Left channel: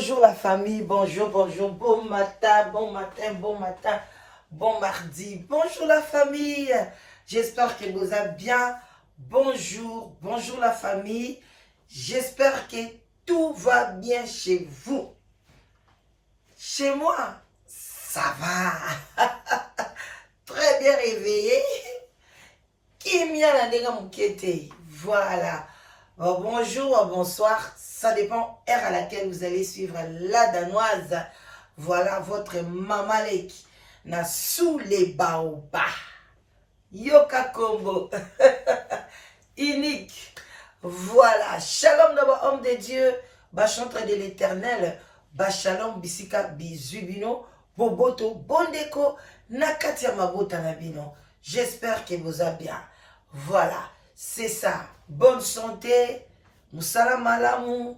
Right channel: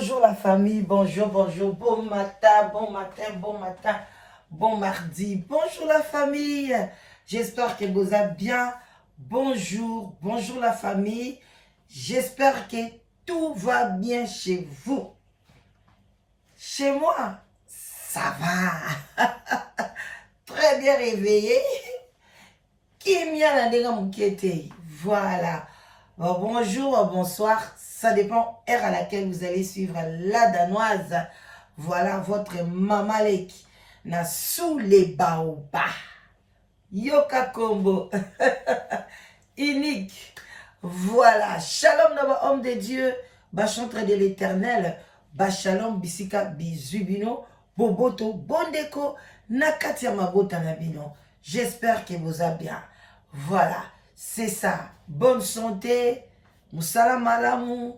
Bonjour la famille, bonjour, bonjour, bon matin, bon matin, bon matin, bon mardi. Bonjour la famille, j'espère que vous allez bien. Bonjour, bonjour la famille, j'espère que tout va bien chez vous. Chez moi, ça va. Très bien réveillé. Voilà. Bonjour, bonsoir. Ça dépend heure à laquelle vous allez suivre la danoise. Voilà votre maman Leki. Na sous les baobas. Yoka Combo. Unique. Voilà. Shalom d'abord, homme de Dieu. Bachantre de l'éternel. Bachalom bisika bizubino. Boboto bondeko. Nakatia mabota nabino. J'espère que vous allez bien. Voilà. C'est ça. Bonne santé. Musala malamu.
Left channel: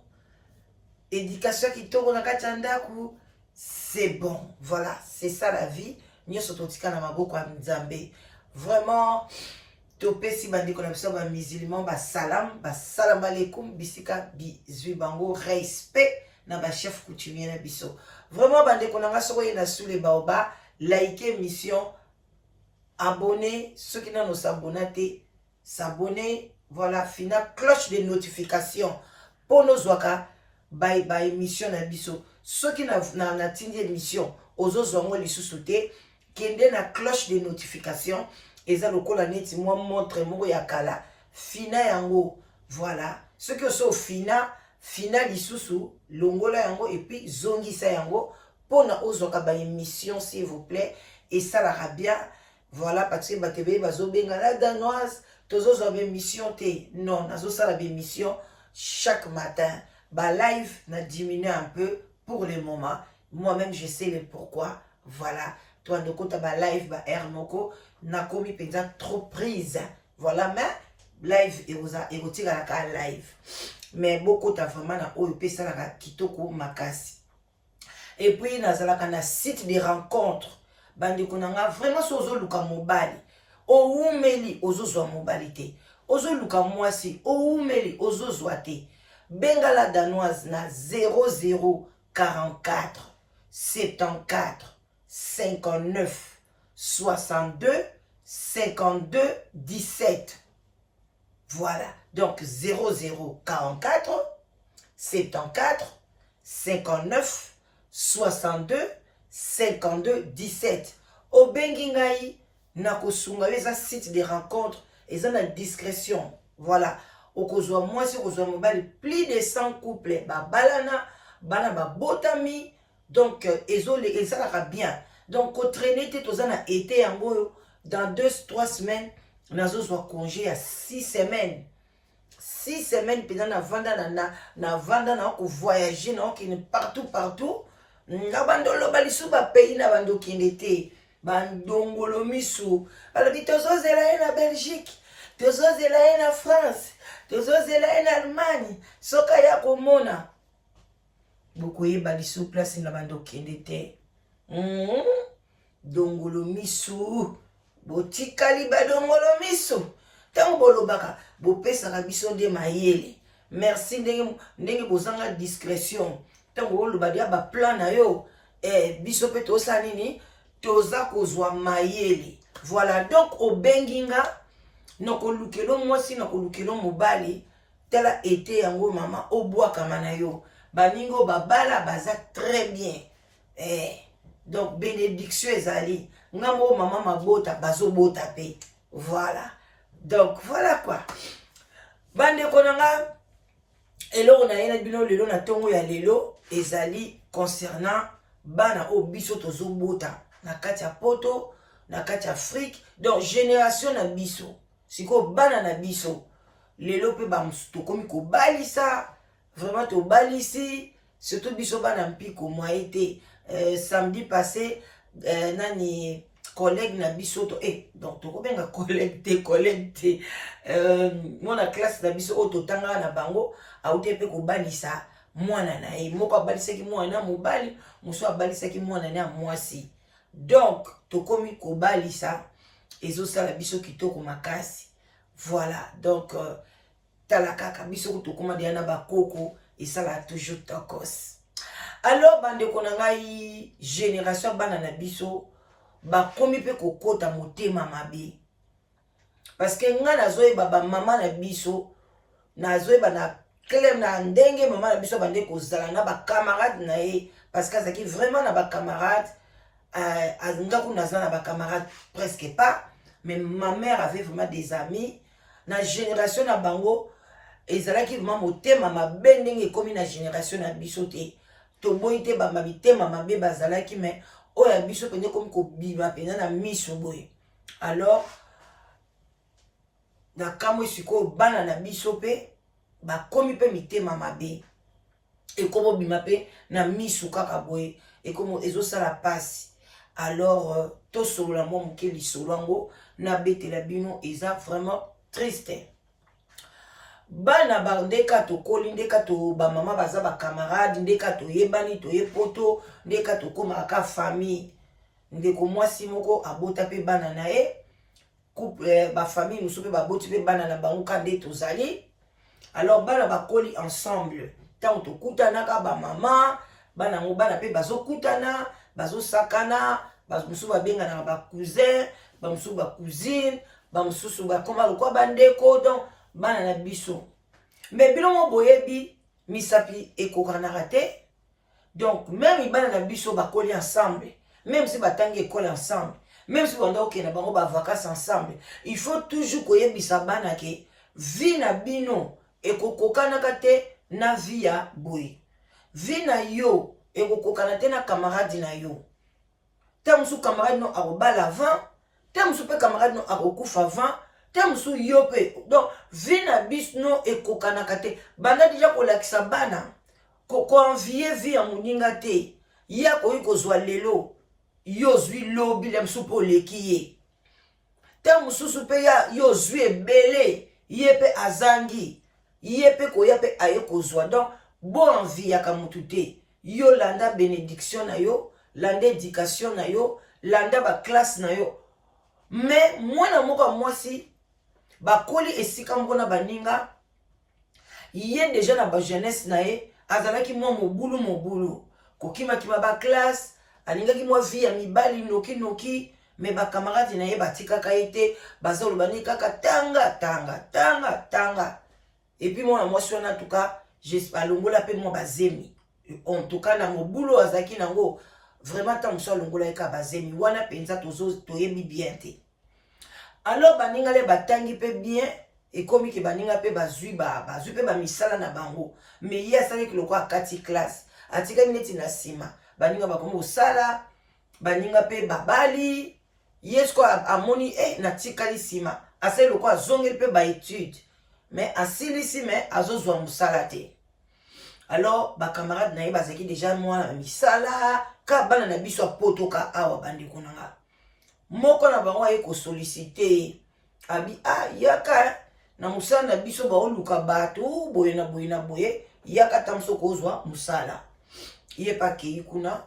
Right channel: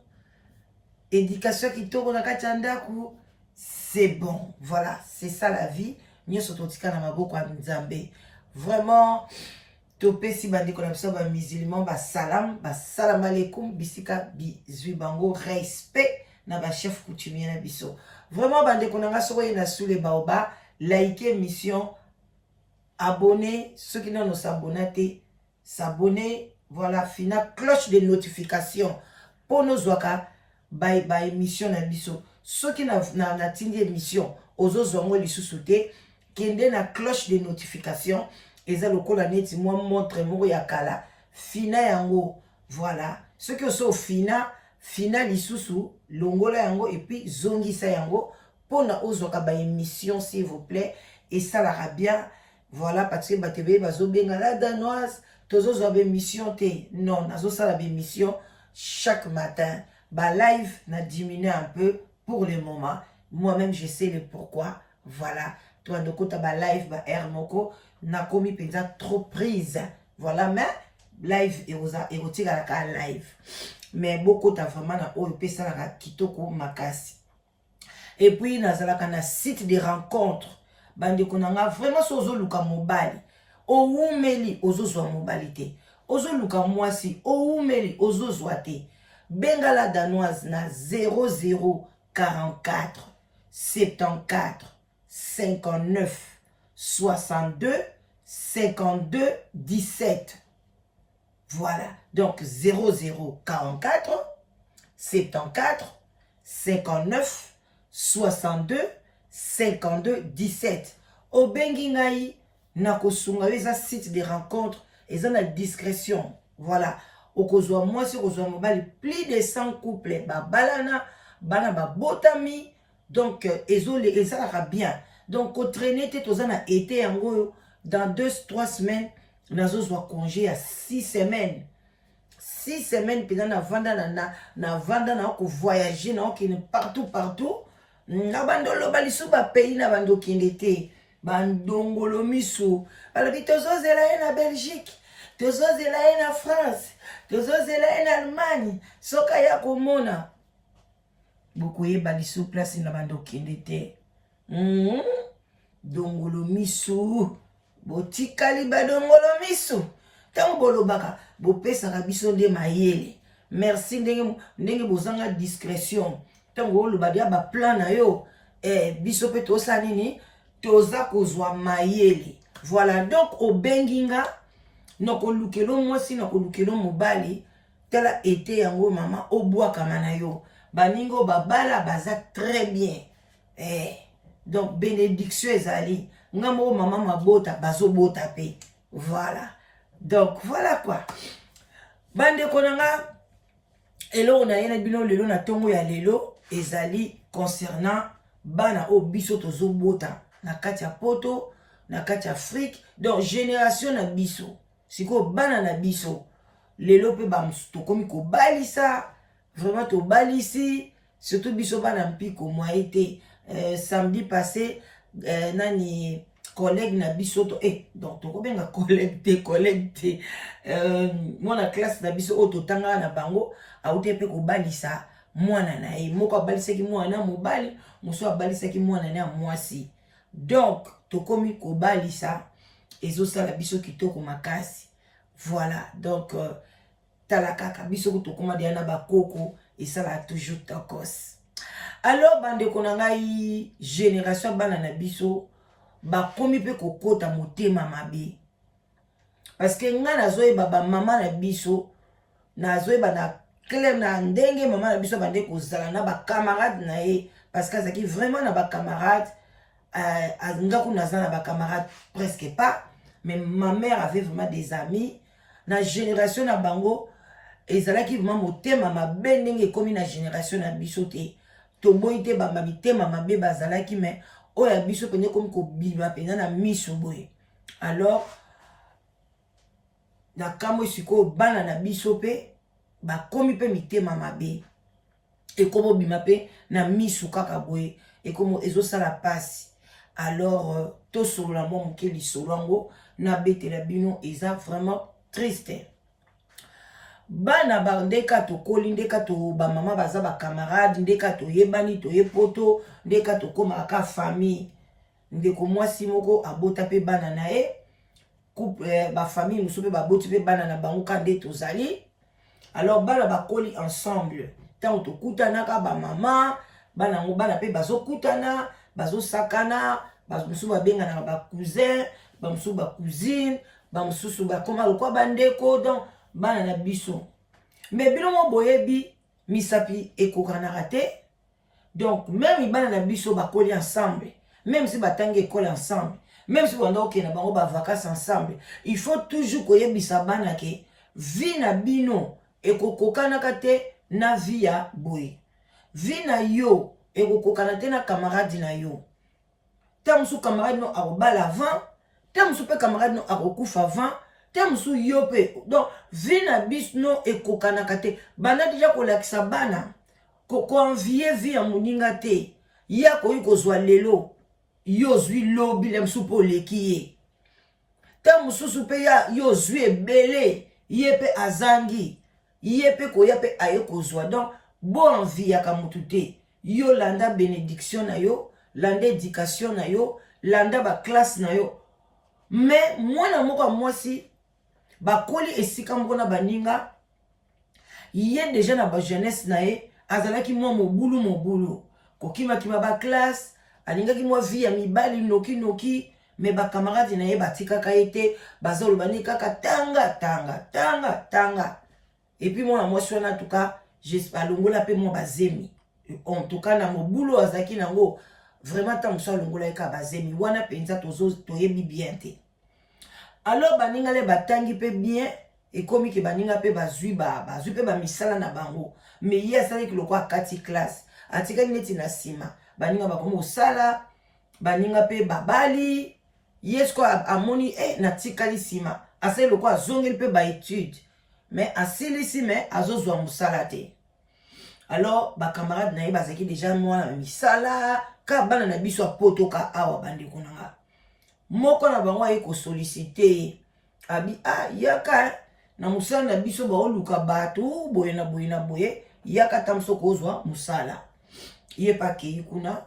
Éducation qui tourne na kachandaku. C'est bon. Voilà. C'est ça la vie. Nyoso totika na maboko ya Nzambe. Vraiment. Topé si bandi konapso ba musulman ba salam alaikum bisika bizui bango respect na ba chef coutumier na biso. Vraiment bandi konanga soko na sous les baobas, likez mission, abonnez ceux qui n'ont s'abonner, s'abonner, voilà, fina cloche de notification pour nos waka bye bye mission na biso. Ceux qui na tindi émission ozo zongo lisusuté kende na cloche de notification. Eza lokola neti moi montre moko ya kala fina yango, voilà. Ceux qui sont fina lisusu longola yango et puis zongisa yango pona ozoka ba émission s'il vous plaît, et ça la bien, voilà, parce que batebe bazo benga la danoise tozo zo ba émission te, non nazo ça la émission chaque matin ba live na diminuer un peu pour le moment, moi-même je sais le pourquoi, voilà. Toi de côté ba live ba air moko na komi penza trop prise, voilà, mais live erotika la ka live, mais beaucoup ta vraiment na oyo pesa la kitoko makasi. Et puis nazalaka na site de rencontre bandi konanga vraiment sozo luka mobali o umeli ozo mobilité ozo luka mwasi o umeli ozo zwate bengala danoise na 0044 74 59 62 52 17. Voilà. Donc 0044 74 59 62 52 17. Au Bengingaï, nakosunga eza site de rencontre, eza na discrétion. Voilà. Au kozwa moi si kozwa mobile plus de 100 couples ba balana bana ba botami. Donc, ça va bien. Donc, au traîner, tu as été yango dans 2-3 semaines, nous avons congé à 6 semaines. 6 semaines, puis na vanda voyager, partout. Na bandolo balisu ba pays na bando kindete. Bandongolo misu. Alors, tu as na Belgique, tu as na France, tu as na Allemagne, soka ya komona. Beaucoup de baliso place na bando kendete. Dongolo misu. Botikali ba dongolo misu. Tango bolobaka, bo pesa ka biso nde mayele. Merci ndenge bozanga discrétion. Tango loba dia ba plan na yo, biso pe to sanini, toza kozwa mayele. Voilà, donc au benginga, noko lukelo mwasi noko lukelo mobali, tala été yango mama obwa kamana yo. Baningo babala baza très bien. Donc bénédiction ezali. Ngamo maman mabota bazo bota pe. Voilà. Donc voilà quoi. Bande konanga elo na yena bino lelo na tongo ya lelo ezali concernant bana o biso tozo bota na kati ya poto, na kati ya Afrique. Donc génération na biso. Siko bana na biso lelo pe ba tokomi ko balisa. Vraiment to balisi, surtout bisoba na mpiko moi été samedi passé nani collègue na bisoto donc to kobenga collègue te mona classe na biso auto tanga na bango auté pe ko balisa mwana na moko balisa ki mwana mobali muso balisa ki mwana na mwasi, donc to komi ko balisa ezo sala biso kitoko makasi. Voilà, donc talaka biso to koma dia na bakoko et ça va toujours tokos. Alors bandeko na ngai génération bana na biso bakomi pe kokota motema mabe parce que nga nazoyeba bamama na biso nazoyeba na clair na ndenge mama na biso bande kozala na bacamarade na ye parce que azalaki vraiment na bacamarade ngaku naza na bacamarade presque pas mais ma mère avait vraiment des amis na génération na bango ezalaki vraiment motema mabe ndenge ekomi na génération na biso te toboyi te bamitema mabe bazalaki mais oyo ya biso pende komi kobima mpenza na miso boye alors na kamwe sikoyo bana na biso mpe bakomi mpe mitema mabe ekomo bima mpe na miso kaka boye ekomo ezosala pasi alors tosolola mwa moke lisolo yango nabetela bino eza vraiment triste bana bandeka tokoli ndeka to bamama baza bacamarade ndeka toyebani toyepoto ndeka tokomaka ka famille ndeko mwasi moko abota mpe bana na ye couple bafamille mosusu mpe baboti mpe bana na bango ka nde tozali alors bana bakoli ensemble ntango tokutanaka bamama bana yango bana mpe bazokutana bazosakana bamosusu babenganaka bacousin bamosusu bacousine bamosusu bakoma lokwa bandeko donc bana na biso mais bino mo boyebi misapi ekokanaka te donc même bana na biso bakoli ensemble même si batangi école ensemble même si banda okenda bango bavacances ensemble il faut toujours koyebisa bana ke vie na bino ekokokanaka te na vie ya boye vie na yo ekokokana te na camarade na yo te mosusu camarade no akobala avant te mosusu mpe camarade no akokufa avant te mosusu yo mpe donc vie na biso no ekokanaka te banda deja kolakisa bana koenvie vie ya moninga te ye akoki kozwa lelo yo ozwi lobi le mosusu mpe oleki ye te mosusu mpe yo ozwi ebele ye mpe azangi ye mpe koya mpe aye kozwa donc bo enviaka motu te yo landa bénédiction na yo landa éducation na yo landa baklasse na yo mais mwana moko ya mwasi bakoli esika moko na baninga ye deja na bajeunesse na ye azalaki mwa mobulu kokima baklasse alingaki mwa vie ya mibali noki mais bakamarade na ye batikaka ye te baza olobani kaka tanga et puis mwana mwasi wana tuka alongola mpe mwa bazemi en tout cas na mobulu azalaki nango vraiment ntango mosu alongola ye kaka bazemi wana mpenza toyebi bien te alors baninga le batangi mpe bien ekomi ke baninga mpe bazwi mpe bamisala na bango mais ye asalaki lokwa akati classe atikaki neti na nsima baninga bakomi kosala baninga mpe babali ye siko amoni natikali nsima asali lokwa azongeli mpe baétude mais asilisi me azozwa mosala te alors bacamarade na ye bazalaki deja mwana misala ka bana na biso apotoka awa bandeko na nga moko na bango aye kosolicite abi yaka na mosala na biso baoluka bato boye na boye yaka ta moso kozwa mosala ye pa akei kuna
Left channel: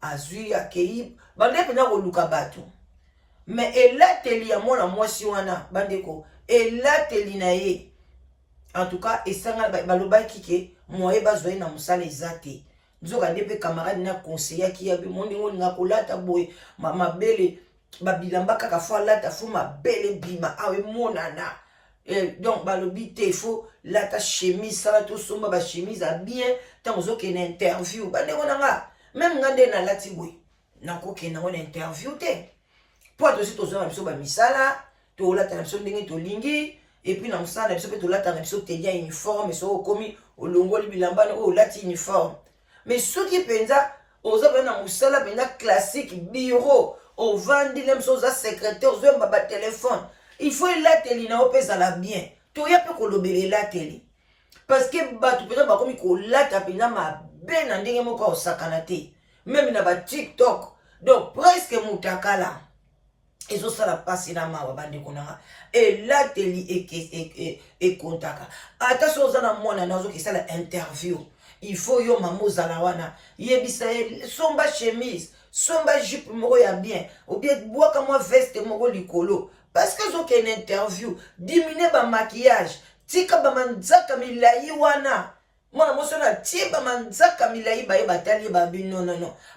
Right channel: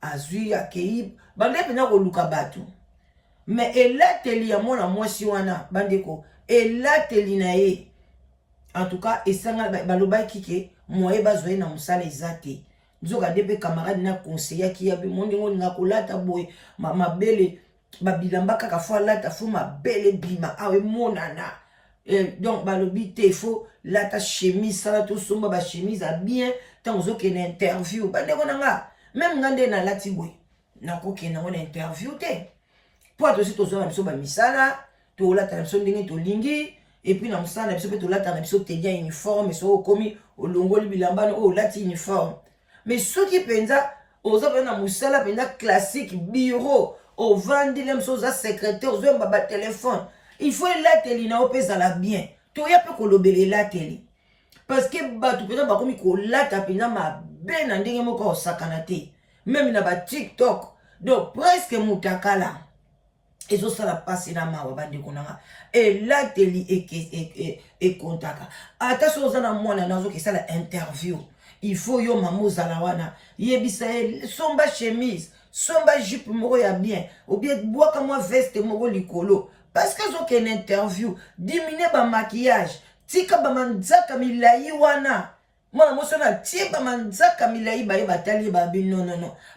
azwi akei bande mpena koluka bato mais elateli ya mwana mwasi wana bandeko elateli na ye en tout cas esanga balobaki ke moye bazwa ye na mosala eza te nzoka nde mpe camarade na conseillaki ya bimondingo ninga kolata boye mabele babilamba kaka fo alata fo mabele bima awe monana donc balobi te fo lata chemise sala tosomba bachemise a bien ntango ozokende interview bandeko na nga même nga nde nalati boye nakokende yango na interview te po atosi tozwa na biso bamisala tolata na biso ndenge tolingi et puis na mosala na biso mpe tolata na biso telia uniforme soki okomi olongoli bilamba oyo olati uniforme mais soki mpenza oza mpe na mosala mpenza classique bureau ovandile moso oza secrétaire ozoyemba batelefone il faut elateli na yo mpe ezala bien toya mpe kolobela elateli parce que bato mpenza bakomi kolata mpenza mabe na ndenge moko osakana te même na batiktok donc presque mutakala ezosala pasi na mawa bandeko nanga elateli ekontaka ata so oza na mwana na ozokesala interview il faut yo mama ozala wana yebisa ye somba chemise somba jupe moko ya bien ou bien bwaka mwa veste moko likolo parce que ozokende interview diminue bamaquillage tika bamanzaka milai wana Mwana moso na tie ba manzaka milai ba ye batali ba bi non.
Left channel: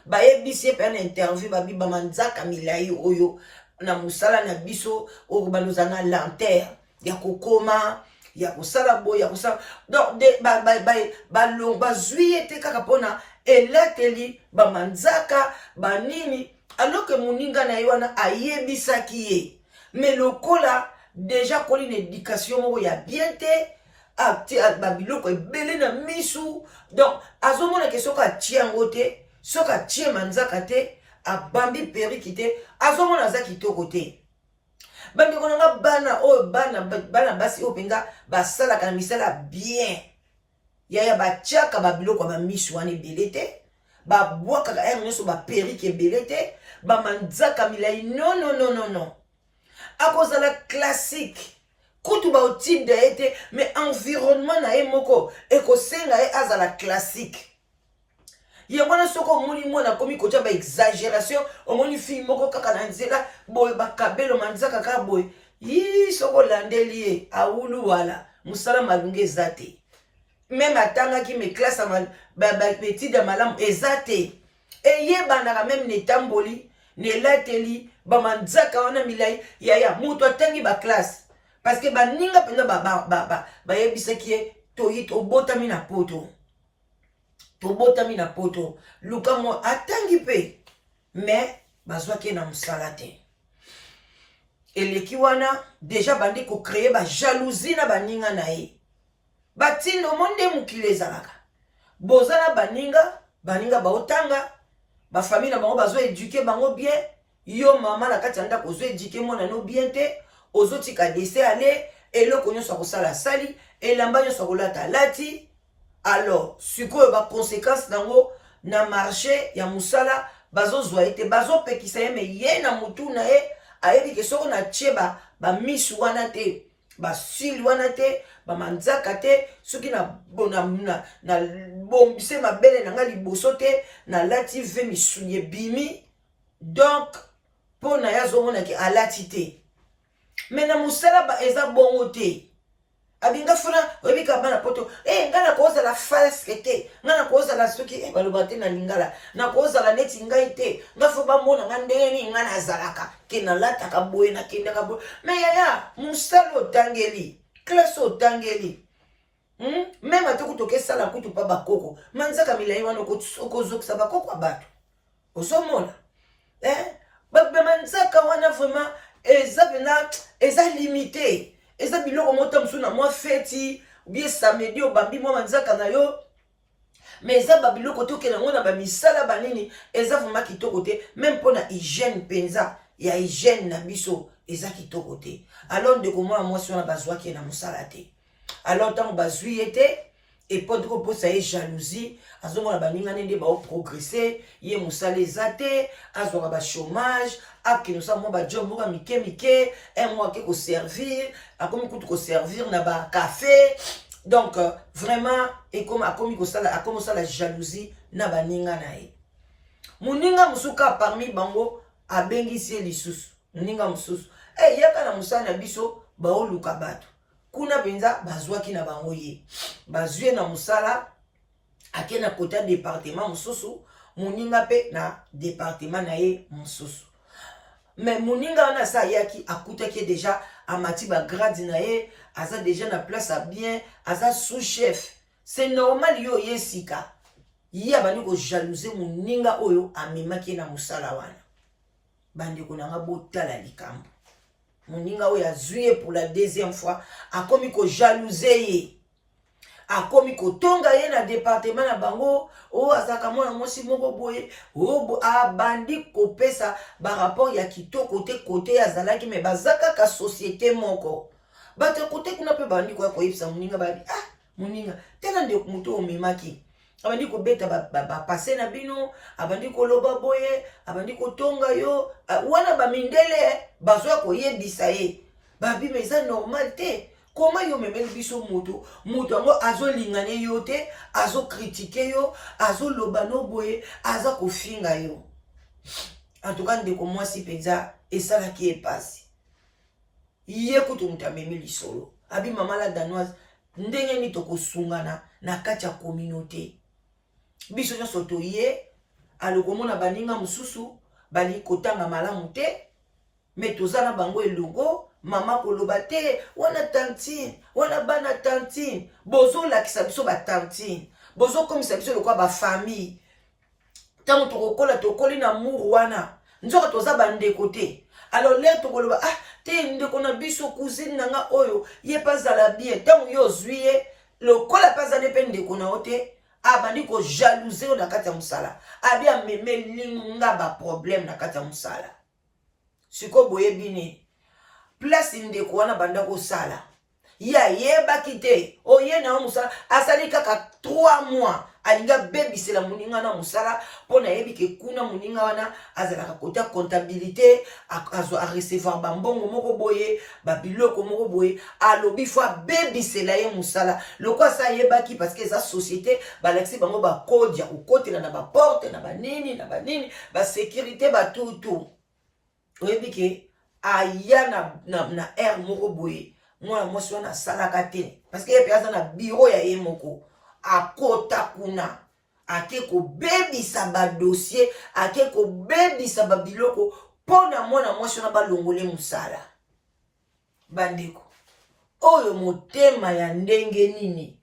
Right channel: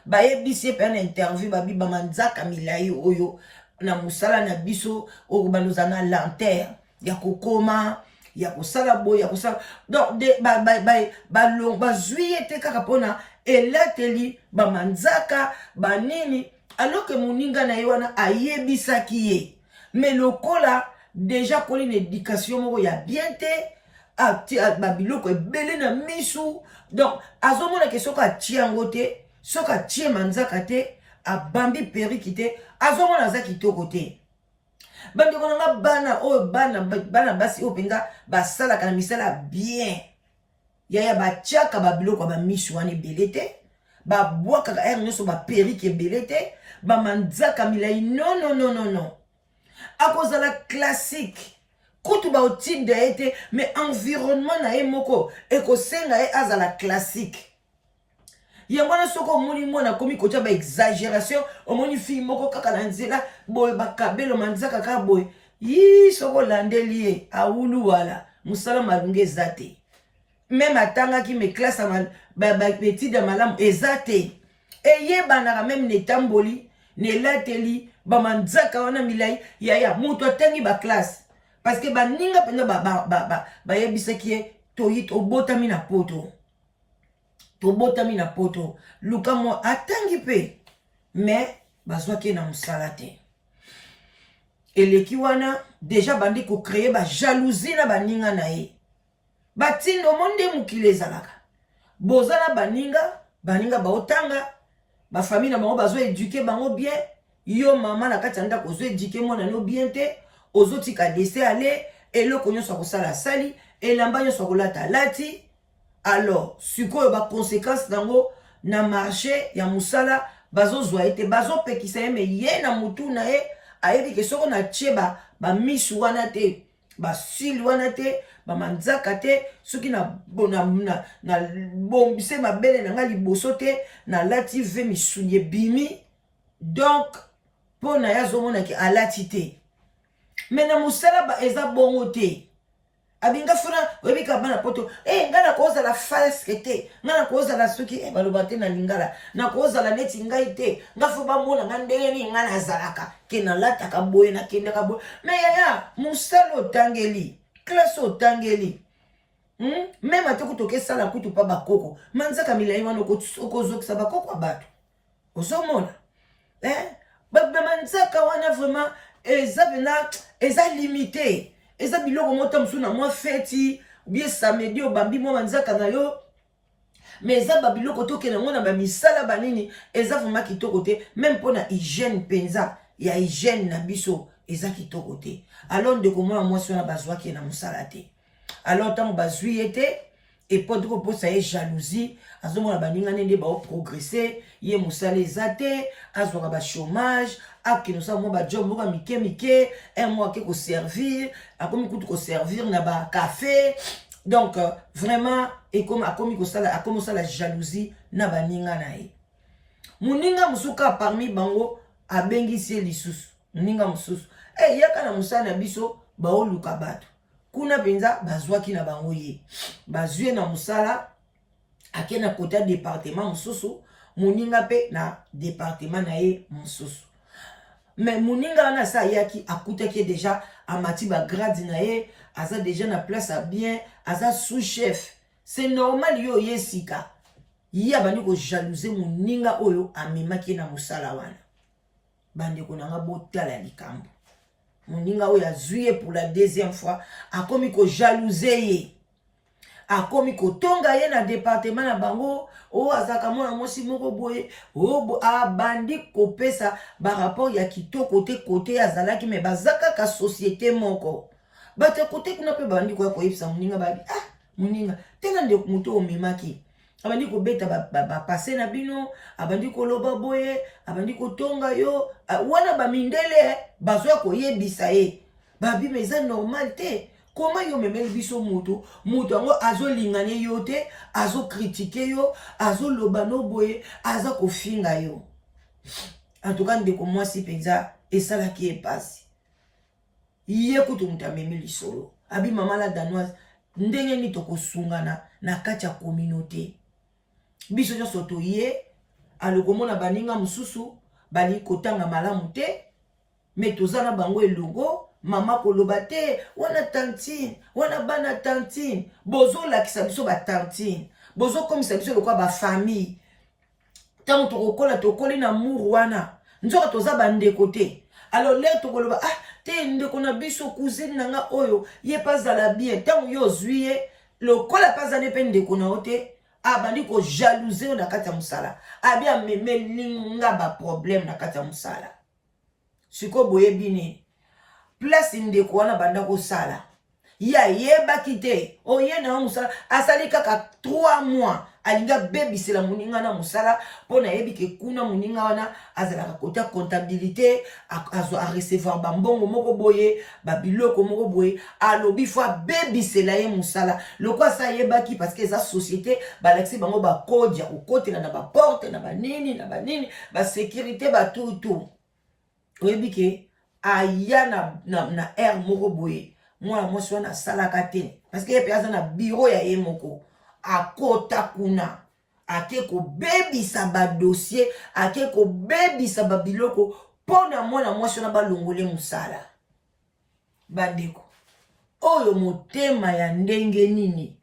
Ba ye bisi pe na interview ba bi ba manzaka milai oyo na musala na biso o ba nozanga lanterne ya kokoma ya kosala boy ya kosala donc de ba zui te kaka pona elateli ba manzaka ba nini alors que moninga na ye wana ayebisaki ye mais lokola déjà koli une éducation moko ya bien te babiloko ebele na misu donc azomona ke soki atie yango te soki atie manzaka te abambi periki te azomona aza kitoko te bandeko nanga bana oyo bana basi oyo mpenza basalaka na misala bien yaya batiaka babiloko ya bamisu wana ebele te babwakaka ere nyonso baperiki ebele te bamanzaka milai non akozala classique kutu baotinde ye te mais environnement na ye moko ekosenga ye azala classique yango wana soki omoni mwana akomi kotia baexagération omoni fille moko kaka na nzela boye bakabelo manzaka kaka boye yi soki olandeli ye awulu wala mosala malungi eza te meme atangaki me classe baetide ya malamu eza te eyebanaka meme netamboli nelateli bamanzaka wana milai yaya moto atangi baklasse parce que baninga mpenza bayebisaki ye toyi obotami na poto tobotami na poto luka mwa atangi mpe mais bazwaki na mosala te eleki wana deja bandi kocreye bajalousie na baninga na ye batindo mo nde mokili ezalaka boza na baninga baotanga bafamille na bango bazoeduke bango bien yo mama na kati ya ndako ozoeduke mwana no bien te ozotika dese ale eloko nyonso akosala asali elamba nyonso akolata alati alors sikoyo baconséquence nango na marché ya mosala bazozwa ye te bazopekisa ye me ye na motu na ye ayebi ke soko na tie bamisu wana te basili wana te bamanzaka te soki na bombise mabele na nga liboso te nalati ve misuni ebimi donc mpo na ye azomonaki alati te me na mosala eza bongo te abinga funa oyebika bana poto nga nakozala faske te nga nakozala soki baloba te na lingala nakozala neti ngai te nga fo bamona nga ndenge nini nga nazalaka ke nalataka boye nakendaka boye me yaya mosala otangeli klase otangeli meme ate kutu okesala kutu mpa bakoko manzaka milai wana okozokisa bakoko ya bato ozomona bamanzaka wana vraiment eza pena eza limité eza biloko mota mosusu na mwa feti bie samedi obambi mwa manzaka na yo mais eza babiloko toke nango na bamisala banini eza vraiment kitoko te même mpo na hygiène mpenza ya hygiène na biso eza kitoko te alors ndeko mwana mwasi wana bazwaki ye na mosala te alors ntango bazwi ye te epo ndeko mposa ye jalousie azomona baninga nde baoprogresse ye mosala eza te azwaka bachômage akende osala mwa bajob moko ya mike mwa ake koservir akomi kutu koservir na bacafé donc vraiment akomi osala jalousie na baninga na ye moninga mosusu kaka parmi bango abengisi ye lisusu moninga mosusu yaka na mosala na biso baoluka bato kuna mpenza bazwaki na bango ye bazwi na mosala ake na kota département mosusu moninga mpe na département na ye mosusu mais moninga wana asa ayaki akutaki deja amati bagrade na ye aza deja na place a bien aza sous chef c'est normal yo ye sika ye abandi kojalousie moninga oyo amemaki na mosala wana bandeko nanga botala likambo moninga oyo azwi ye pour la deuxième fois akomi kojalousie ye akomi kotonga ye na département na bango azaka mwana mwasi moko boye abandi kopesa barapport ya kitoko te kote azalaki me baza kaka société moko bato kote kuna mpe bandi koya koyebisa moninga babi moninga tala nde moto omemaki abandi kobeta bapase na bino abandi koloba boye abandi kotonga yo wana bamindele bazwa koyebisa ye babi me eza normal te koma yo memeli biso moto yango azolingane yo te azokritike yo azoloba no boye aza kofinga yo en tout cas ndeko mwasi mpenza esalaki epasi ye kutu moto amemi lisolo abi mama la danoise ndenge ni tokosungana na kati ya communauté biso nyonso toye alokomona baninga mosusu bali kotanga malamu te me toza na bango elongo mama koloba te wana tantine wana bana tantine bozolakisa biso batantine bozokomisa biso lokwa bafamille ntango tokokoli na muru wana nzoka toza bandeko te alors lere tokoloba te ndeko na biso cousine nanga oyo ye mpe azala bien ntango yo ozwi ye lokola mpe azali mpe ndeko na yo te abandi kojalouze yo na kati ya mosala abi amemelinga baproblème na kati ya mosala sikoyo boyebi ne place ndeko wana banda kosala ye ayebaki te oye na yo mosala asali kaka 3 mois alingi abebisela moninga na mosala mpo na yebi ke kuna moninga wana azalaka kota comptabilité arecevoir bambongo moko boye babiloko moko boye alobi fo abebisela ye mosala loko asa ayebaki parce que eza société balakisi bango bakode ya kokotela na baporte na banini basécurité batutu oyebi ke aya na aire moko boye mwana mwasi wana asalaka te parce que ye mpe aza na biro ya ye moko akota kuna ake kobebisa badossier ake kobebisa babiloko mpo na mwana mwasi wana balongole mosala bandeko oyo motema ya ndenge nini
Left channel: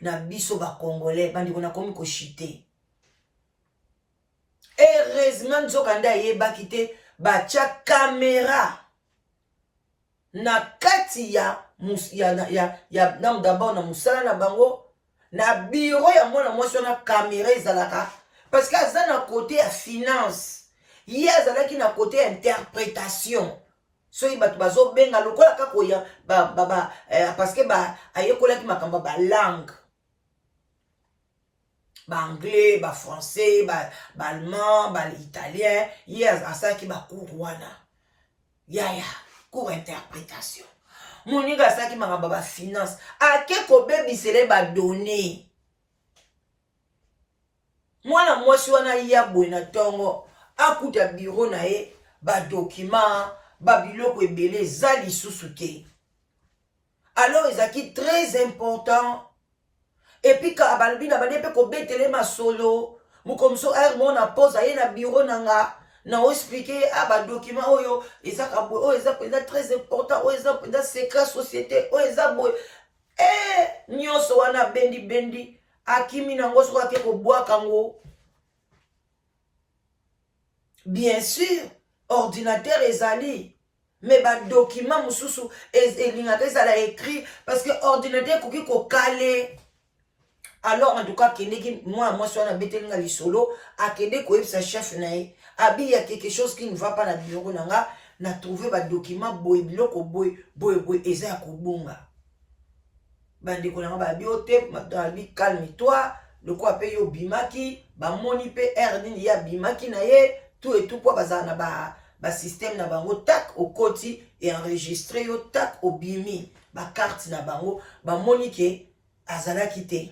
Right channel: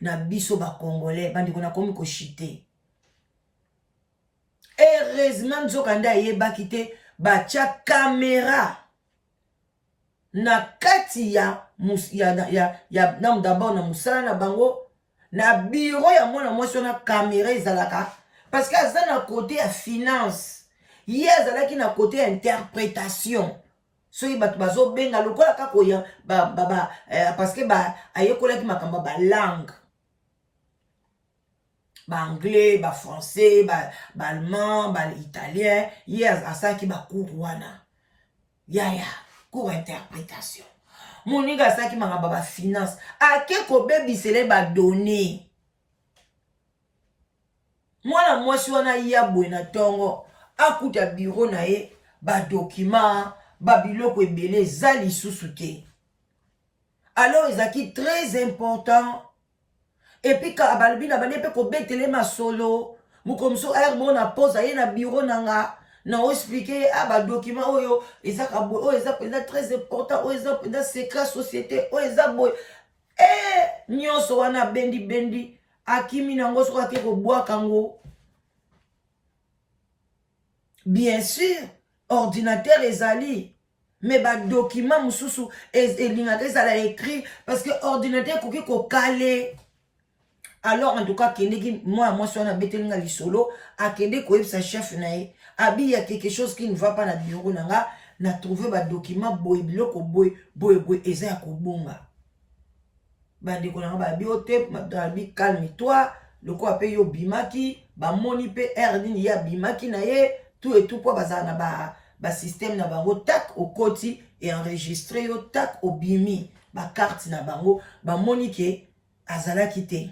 na biso bakongolais bandeko nakomi koshite heureusement nzoka nde ayebaki te batya kamera na kati ya d'abord na mosala na bango na biro ya mwana mwasi wana kamera ezalaka parce que aza na côté ya finance ye azalaki na côté ya interprétation soki bato bazobenga lokola kaka oya parce que ayekolaki makambo ya balangue baanglais bafrançais baallemand baitalien ye asalaki bacours wana yaya cours interprétation moninga asalaki makambo ya bafinance ake kobebisele badone mwana mwasi wana ya boye na ntongo akuta biro na ye badokima babiloko ebele eza lisusu te alors ezalaki très important epuis balobi na bane mpe kobetele masolo mokomiso aire mo na pose aye na biro nanga na oexplike badokima oyo ezaka boye oyo eza très important oyo eza secret société oyo eza boye nyonso wana bendi akimi nango soki ake kobwaka ngo bien sûr ordinateur ezali mais badokima mosusu elingaka ezala écrit parce que ordinateur ekoki kokale alors en tout cas akendeki mwana mwasi wana abetelinga lisolo akende koyebisa chef na ye abi ya quelque chose qui ne va pas na bureau nanga na trouver badocument boye biloko boye eza ya kobunga bandeko nanga babi ote babi calme toi lokola mpe yo bimaki bamoni mpe aire nini ya bimaki na ye tout et tout mpo bazala na basystème na bango tak okoti enregistre yo tak obimi bakarte na bango bamoni ke azalaki te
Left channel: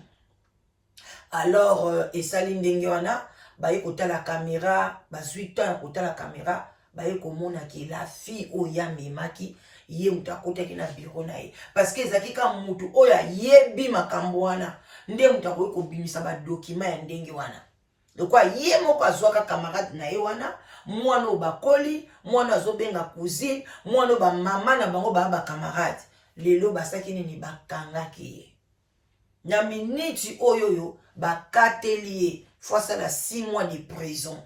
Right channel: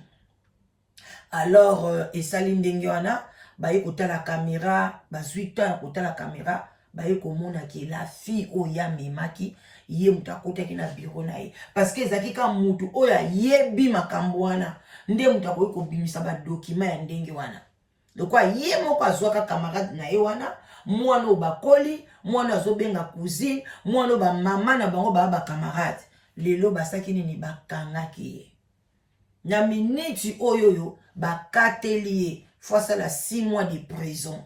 alors esali ndenge wana baye kotala caméra bazwi temps ya kotala caméra baye komona ke la fille oyo amemaki ye moto akotaki na biro na ye parce que ezalaki ka motu oyo ayebi makambo wana nde moto akoki kobimisa badokima ya ndenge wana lokwa ye moko azwaka camarade na ye wana mwana oyo bakoli mwana azobenga cousine mwana oyo bamama na bango baya bacamarade lelo basaki nini bakangaki ye na miniti oyo bakateli ye faut asala 6 mois de prison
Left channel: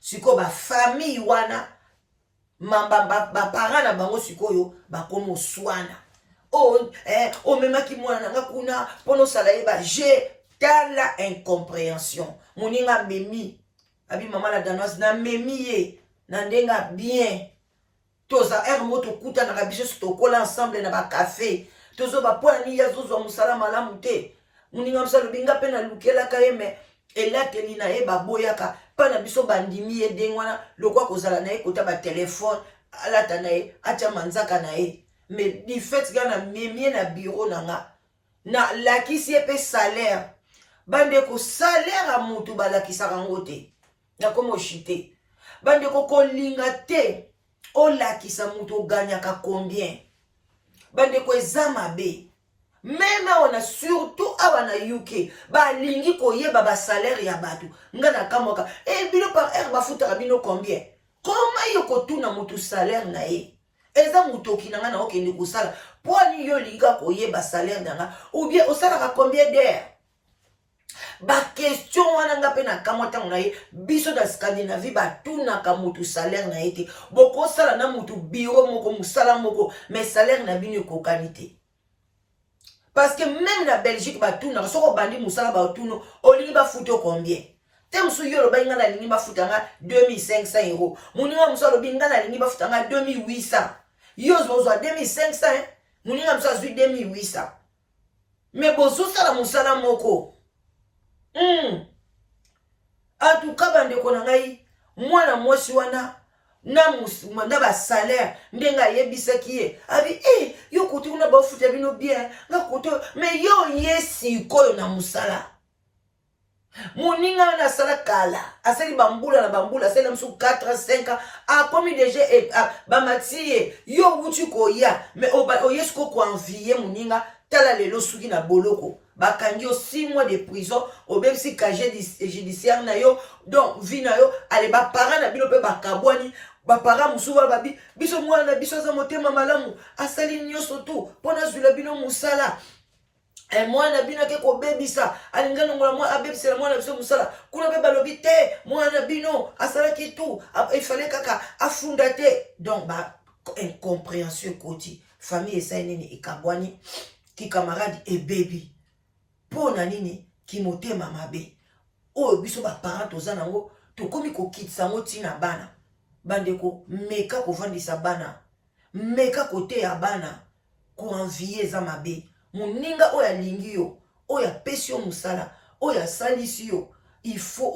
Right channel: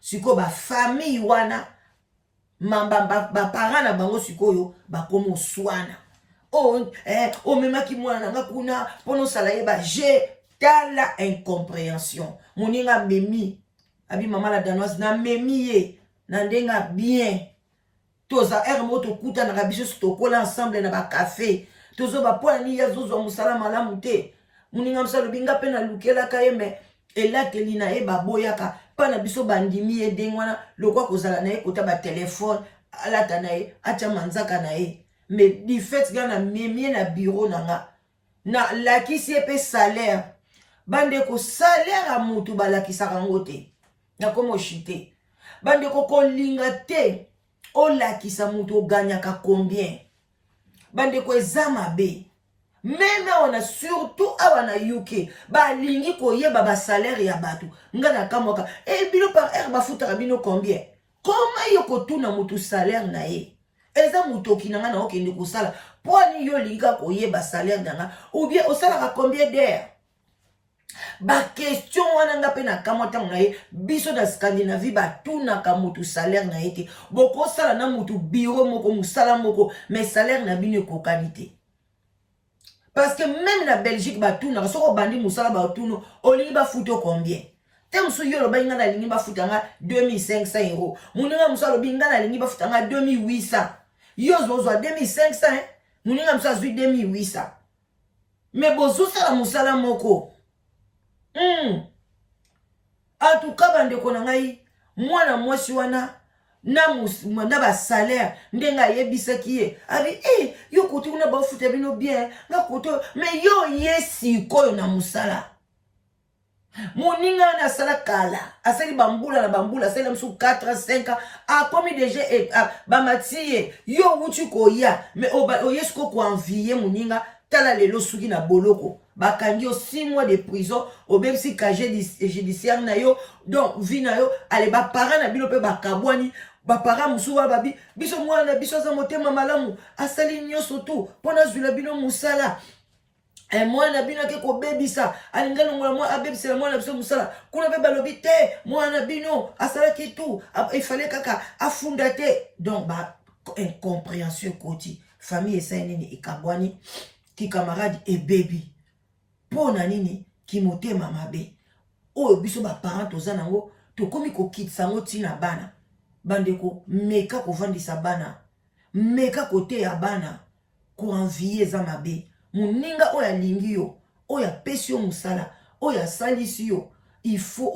sikoyo bafamille wana baparent na bango sikoyo bakoma oswana omemaki mwana nanga kuna mpona osala ye baje tala incompréhension moninga amemi abi mama la danoise namemi ye na ndenge bien toza ere mo tokutanaka biso tokola ensemble na bakafe tozoba mpo nani ye azozwa mosala malamu te moninga mosala obinga mpe nalukelaka ye me elateli na ye baboyaka mpa na biso bandimi ye ndenge wana lokwa kozala na ye kota batelefone alata na ye atya manzaka na ye mais du fait ga na memi ye na biro nanga na lakisi ye mpe salaire bandeko salaire ya motu balakisaka yango te nakoma oshite bandeko kolinga te olakisa motu oganyaka combien bandeko eza mabe Même on a surtout awana UK ba lingi koyeba ba salaire ya batu ngana kamoka et bino par heure ba futa bino combien comment yoko tuna mutu salaire na ye eza mutoki nanga na okende kusala poni yo linga koyeba salaire nanga ou bien osala ka combien d'heures ba question wana nga pe na kamota na ye biso da Scandinavie ba tuna ka mutu salaire na ye te boko sala na mutu bureau moko musala moko mais salaire na bino ko qualité. Parce que même la Belgique, batuna, soko bandi musala batuna, olingi ba futo combien? Tem so yo lo ba ngana lingi ba futanga 2500 euros. Muninga musala lo ngana lingi ba futanga 2800. Yo zo 2500, hein? Muninga musala zo 2800. Mais bozo sala musala moko. En tout cas bande ko na ngai, mwana mwasi wana na ba salaire ndenga yebisaki ye abi yo kote una ba futa bino bien nga kote mais yo yesi koyo na musala moninga na sala kala asali bambula na bambula asali msu 4 5 a komi déjà ba matie yo uti koya mais o yesko ko envier moninga tala lelo suki na boloko bakangi yo 6 mois de prison obemsi casier judiciaire na yo donc vi na yo ale ba parents na bino pe bakabwani ba parents musuba babi biso mwana biso za motema malamu asali nyoso tu pona zula bino musala mwana bino ke ko bebisa alingana mwana abebisa mwana biso musala kuna be balobi te mwana bino asala ki tu il fallait kaka afunda te donc ba incompréhension koti famille esa nini ekabwani ki camarade et baby pona nini ki motema mabe oyo biso ba parents toza nango to komi ko kitsa ngo tina bana bandeko meka ko vandisa bana meka kote ya bana ko envier za mabe muninga oya lingi yo oya pesi yo musala oya salisi yo il faut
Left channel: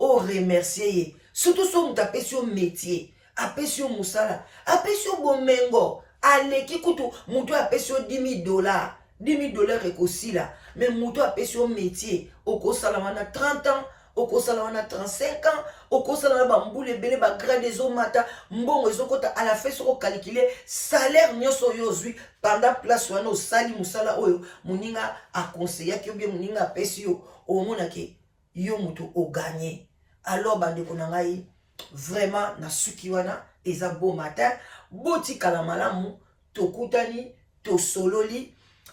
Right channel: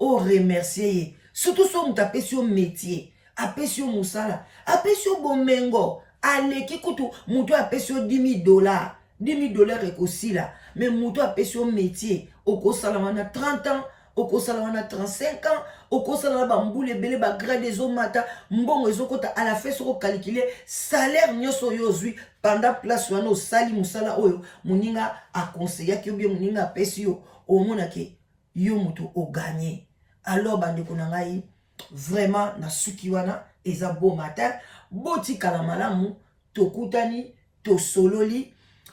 o remercier ye surtout so muta pesi yo métier apesi yo musala apesi yo bomengo aleki kutu mutu apesi yo $10,000 $10,000 ekosila mais mutu apesi yo métier okosala wana 30 ans okosala wana 35 ans okosala na bambule ebele bagrade ezomata mbongo ezokota à la fin soko calculer salaire nyonso oyo ozwi pendant place wana osali musala oyo moninga akonseyaki yo bien moninga apesi yo omonaki yo mutu oganye. Alors bandeko na ngai vraiment na suki wana eza beau matin botikala malamu tokutani tosololi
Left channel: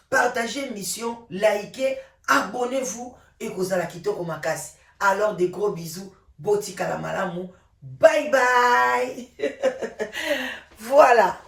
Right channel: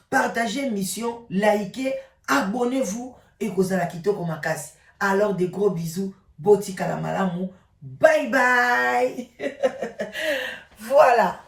partagez mission likez abonnez-vous et kozala kitoko makasi. Alors des gros bisous, botika la malamu, bye bye. Voilà.